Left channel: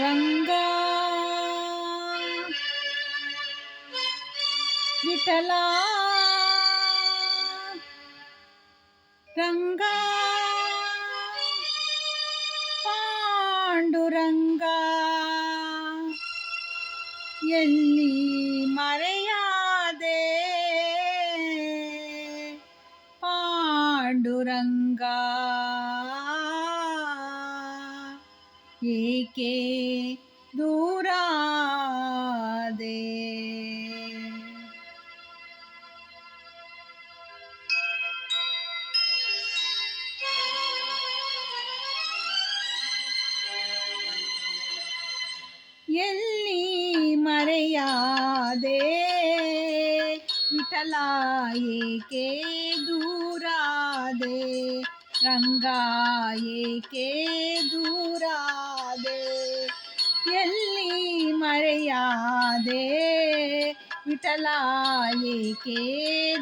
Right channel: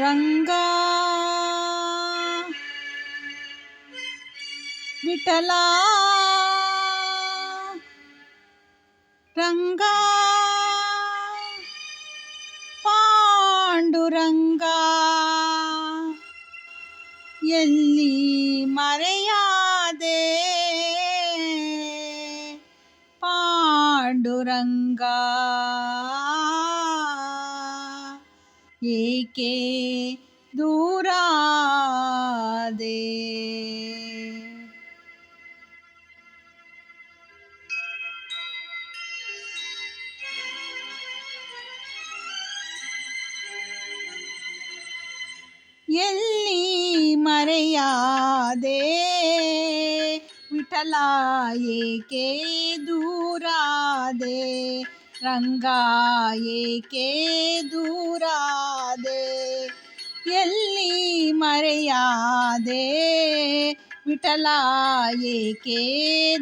ರಂಗ ವಿಠಲ ರಂಗ ಪಾಂಡುರಂಗ ಎಲ್ಲಿ ಮರೆಯಾದೆ ಪಾಂಡುರಂಗ ಏಕೆ ದೂರಾದೆ ಎಲ್ಲಿ ಮರೆಯಾದೆ ವಿಠಲ ಏಕೆ ದೂರಾದೆ ರಂಗ ಏಕೆ ದೂರಾದೆ ಎಲ್ಲಿ ಮರೆಯಾದೆ ವಿಠಲ ಏಕೆ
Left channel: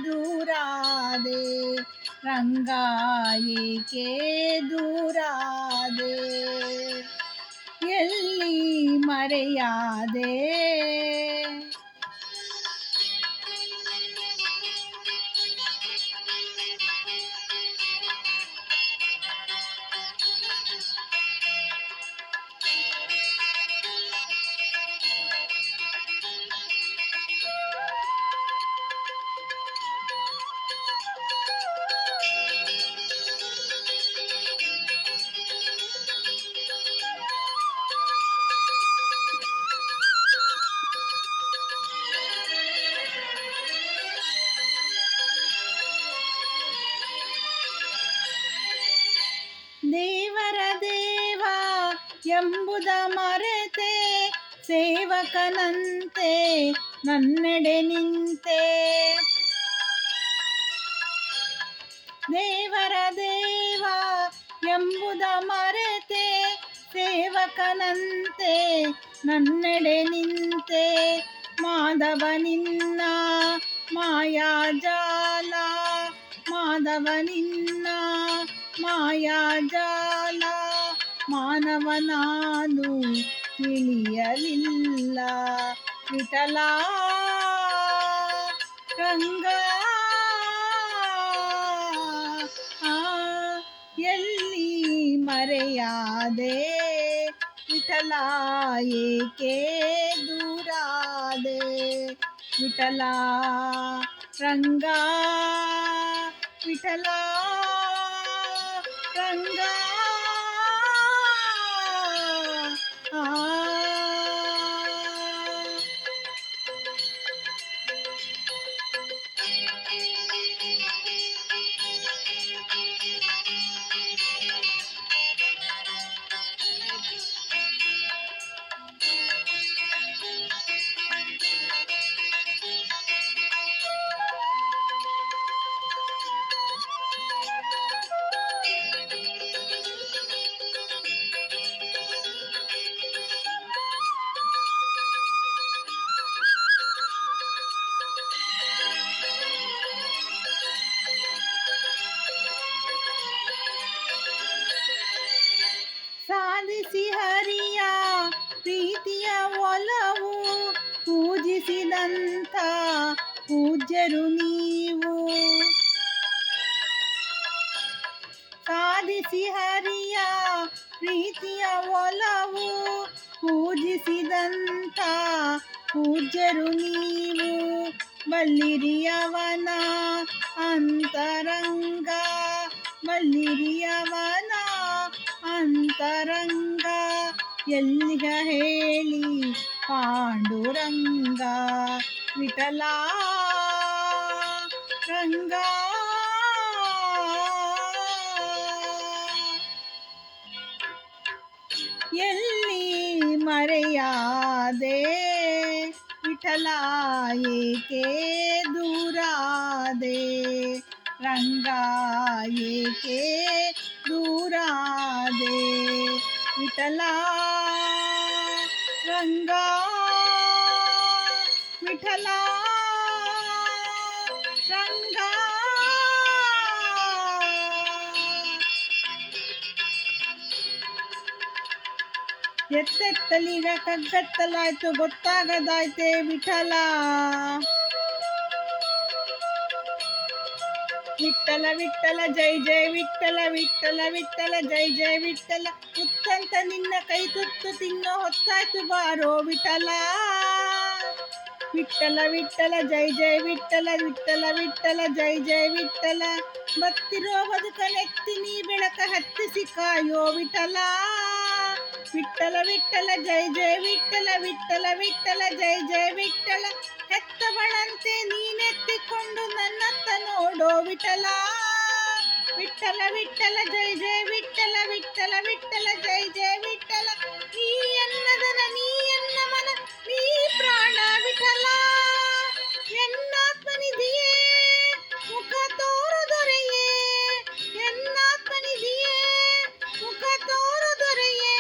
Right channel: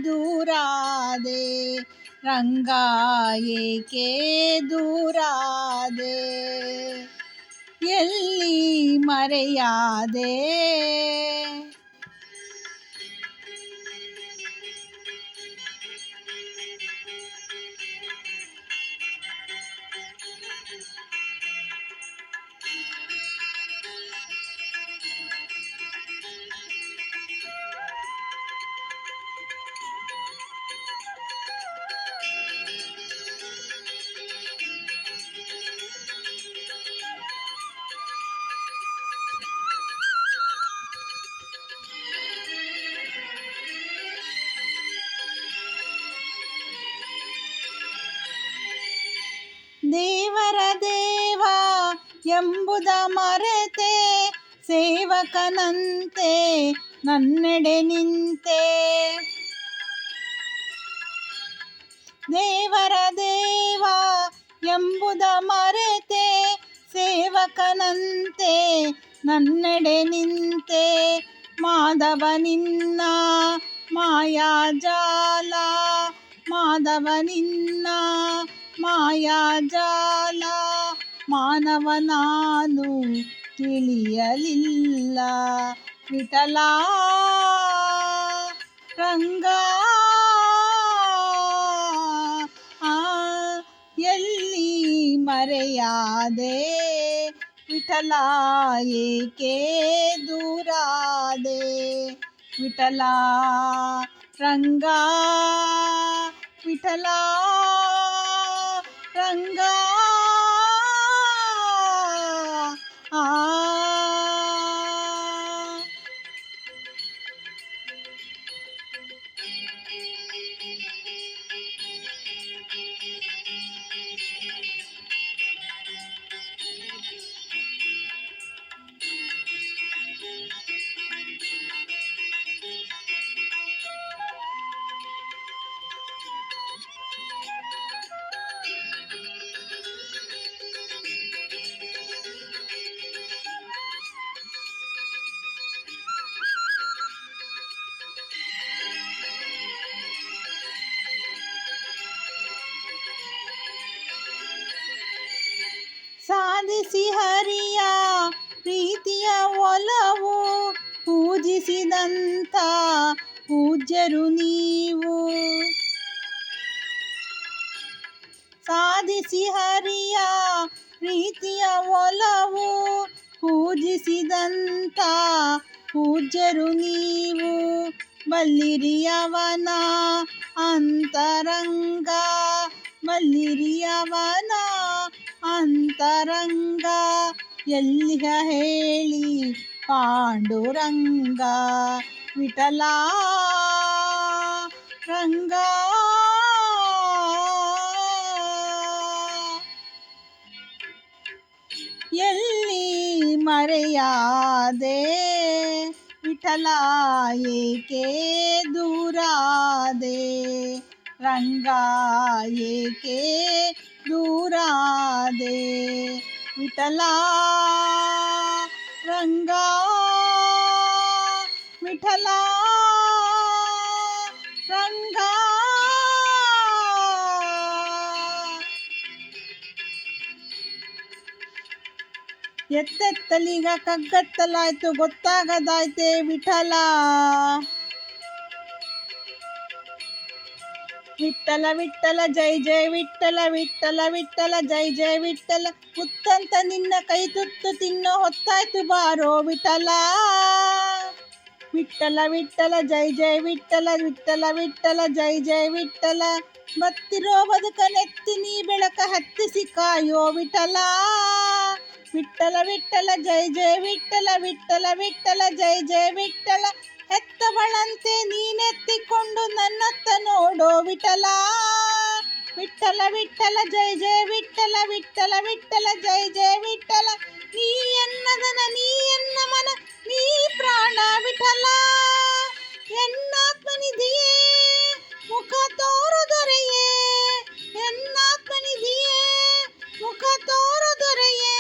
ದೂರಾದೆ ರಂಗ ಏಕೆ ದೂರಾದೆ ಎಲ್ಲಿ ಮರೆಯಾದೆ ದೇವರ ದೇವ ಎಂಬುದ ಮರೆತೆ ಸೇವಕನಂತೆ ನನ್ನೆಡೆ ನಿಂತೆ ದೇವರ ದೇವ ಎಂಬುದ ಮರೆತೆ ಸೇವಕನಂತೆ ನನ್ನೆಡೆ ನಿಂತೆ ಮಾಧವ ನಿನ್ನ ಮಾಯಾಜಾಲ ಮಾಧವ ನಿನ್ನ ಮಾಯಾಜಾಲ ಮಾನವ ನಾನು ತಿಳಿಯಲಿಲ್ಲ ವಿಠಲ ರಂಗ ಎಲ್ಲಿ ಮರೆಯಾದೆ ವಿಠಲ ಏಕೆ ದೂರಾದೆ ವಿಠಲ ರಂಗ ವಿಠಲ ರಂಗ ಸಾಧಿಸಿ ಹರಿಯ ಪ್ರೀತಿಯ ಒಲವು ಪೂಜಿಸಿದಂಥ ಪೂಜ್ಯರು ನೀವು ಸಾಧಿಸಿ ಹರಿಯ ಪ್ರೀತಿಯ ಒಲವು ಪೂಜಿಸಿದಂಥ ಪೂಜ್ಯರು ನೀವು ಬಲ್ಲಿರಿಯವನ ಅಂತರಂಗ ಬಲ್ಲಿರಿಯವನ ಅಂತರಂಗ ಎಲ್ಲಿಗ ಹೇಳಿ ಪಾಂಡುರಂಗ ವಿಠಲ ರಂಗ ಎಲ್ಲಿ ಮರೆಯಾದೆ ವಿಠಲ ಏಕೆ ದೂರಾದೆ ರಂಗ ಏಕೆ ದೂರಾದೆ ವಿಠಲ ರಂಗ ವಿಠಲ ರಂಗ ಎತ್ತೆತ್ತಲೀಗ ಕಗ್ಗತ್ತಲಾಯ್ತು ಗೊತ್ತಾಗದಾಯ್ತೆ ವಿಠಲ. ವಿಠಲ ವಿಠಲ ಜೈ ಜೈ ವಿಠಲ ವಿಠಲ ವಿಠಲ ಜೈ ಜೈ ವಿಠಲ. ಮುತ್ತಂತ ನಿನ್ನ ಕೈ ತುತ್ತು ತಿನ್ನೋ ಹೊತ್ತಾಯ್ತು ಬಾರೋ ವಿಠಲ. ವಿಠಲ ವಿಠಲ ಜೈ ಜೈ ವಿಠಲ ವಿಠಲ ವಿಠಲ ಜೈ ಜೈ ವಿಠಲ. ಬತ್ತಿರೋ ಬದುಕನೆತ್ತಿ ನೀ ಬೆಳಕ ಹತ್ತಿಸಿ ಕಾಯೋ ವಿಠಲ. ವಿಠಲ ವಿಠಲ ಜೈ ಜೈ ವಿಠಲ ವಿಠಲ ವಿಠಲ ಜೈ ಜೈ ವಿಠಲ. ಹೆತ್ತವಳಂತೆ ನೀನೆತ್ತಿಕೊಂಡು ನನ್ನತ್ತ ನೋಡೋ ವಿಠಲ. ವಿಠಲ ವಿಠಲ ಜೈ ಜೈ ವಿಠಲ ವಿಠಲ ವಿಠಲ ಜೈ ಜೈ ವಿಠಲ. ನೀ ಎನ್ನದನ ನೀ ಎನ್ನ ಮನ ನೀ ಪ್ರಾಣ ವಿಠಲ. ಎನ್ನಾತ್ಮನಿಧಿಯೇ ಮುಖ ತೋರು ದೊರೆಯೇ. ಎನ್ನಾತ್ಮನಿಧಿಯೇ ಮುಖ ತೋರು ದೊರೆಯೇ.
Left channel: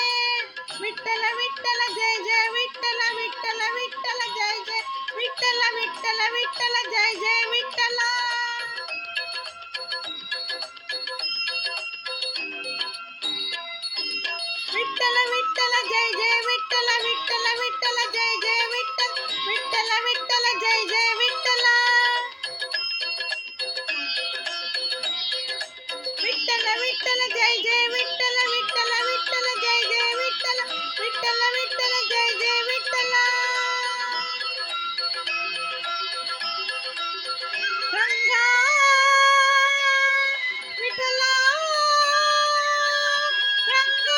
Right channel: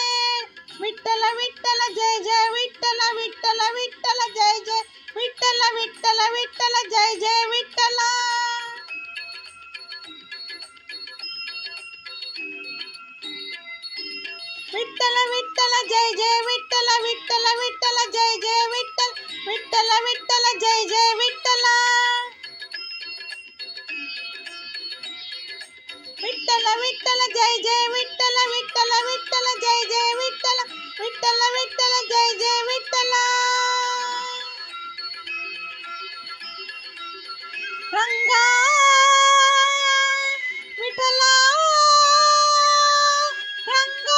ವಿಠಲ ವಿಠಲ ಜೈ ಜೈ ವಿಠಲ ವಿಠಲ ವಿಠಲ ಜೈ ಜೈ ವಿಠಲ ವಿಠಲ ವಿಠಲ ಜೈ ಜೈ ವಿಠಲ. ವಿಠಲ ವಿಠಲ ಜೈ ಜೈ ವಿಠಲ ವಿಠಲ ವಿಠಲ ಜೈ ಜೈ ವಿಠಲ ವಿಠಲ ವಿಠಲ ಜೈ ಜೈ ವಿಠಲ. ವಿಠಲ ವಿಠಲ ಜೈ ಜೈ ವಿಠಲ ವಿಠಲ ವಿಠಲ ಜೈ ಜೈ ವಿಠಲ ವಿಠಲ ವಿಠಲ ಜೈ ಜೈ ವಿಠಲ. ರಂಗ ವಿಠಲ ರಂಗ.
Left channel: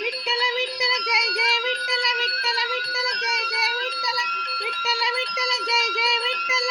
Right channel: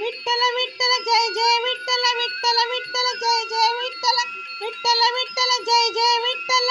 ವಿಠಲ ವಿಠಲ ಜೈ ಜೈ ವಿಠಲ ವಿಠಲ ವಿಠಲ ಜೈ ಜೈ ವಿಠಲ ವಿಠಲ ವಿಠಲ ಜೈ ಜೈ ವಿಠಲ.